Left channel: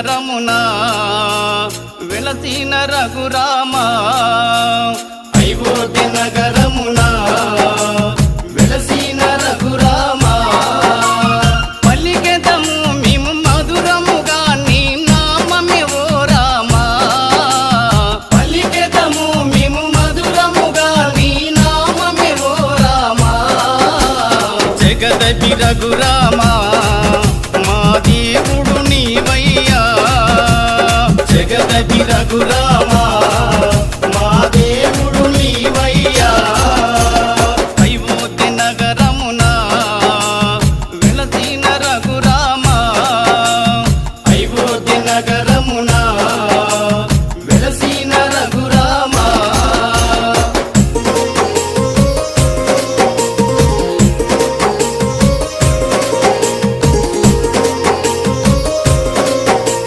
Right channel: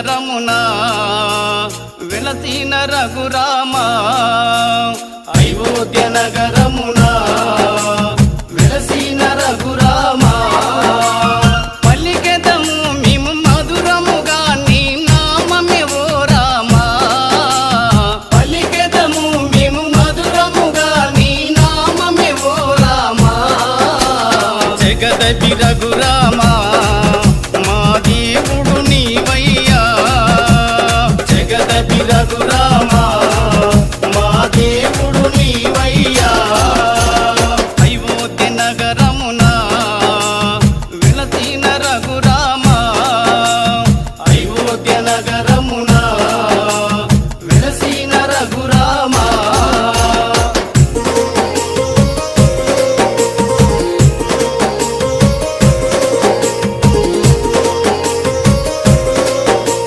నగరమునా వెలసిన రఘురామా అయోధ్య నగరమునా వెలసిన రఘురామా పలికెదము మేము మధురముగా నీ నామమే ఓ రామా పలికెదము మేము మధురముగా నీ నామమే ఓ రామా జగదపి రఘురామా మా దేవుడు నీవయ్యా జగదపి రఘురామా మా దేవుడు నీవయ్యా అయోధ్య నగరమునా వెలసిన రఘురామా అయోధ్య నగర